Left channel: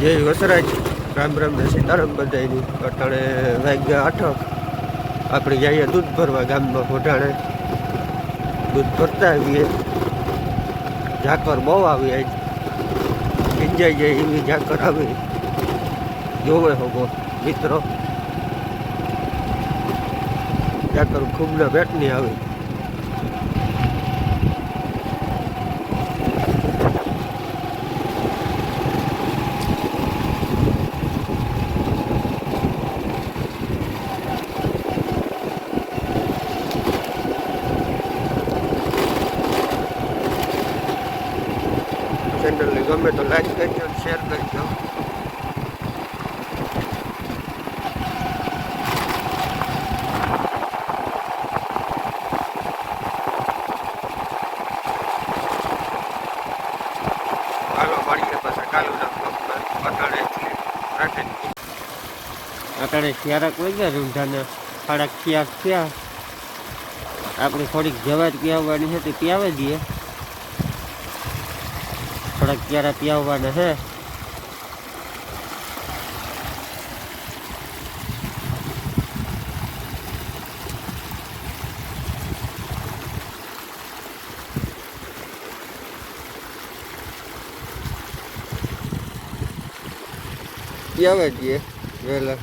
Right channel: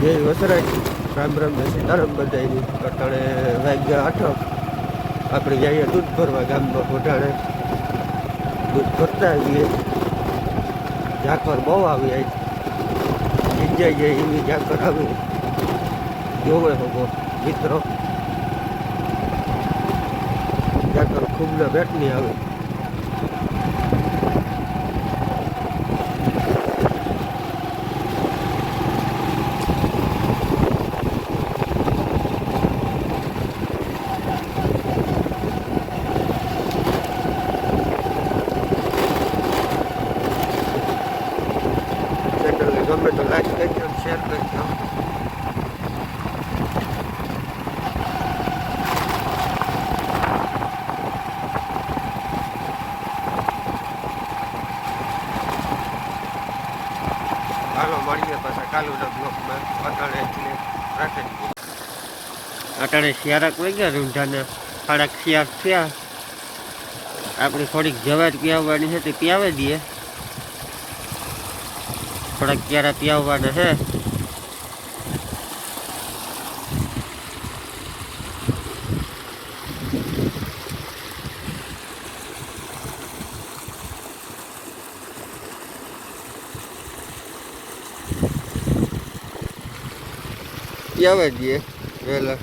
જય વસરાજ, રામ રામ ને સીતારામ બધાયની. અટાણે વાગ્યા 8. આપણે જઈએ દૂધ ભરવા ગામમાં ઘોટાણે. દૂધ ભરતા આવીએ. ઝાકર બહુ આવી આજ, ઈંજાઈ જાય એવી ઝાકર આવી. જોવે હોગો મિત્રો, ઝાકર ખૂબના પેટની આવી. ચેનલને ગમે તો લાઈક કરજો, શેર કરજો. હાલો મળીએ પાછા કાલુના બ્લોકમાં. અટાણે એટલે રાખેલી અટાણે શિયારાક વહી ગયા રૂંઢાને 6:30 થયા. આપણે થોડીક જવાર પીવવાની છે તે પીવી દઈએ. થોડાક ક્યારા પીવવાના છે. પીવા દઈએ વહેલા.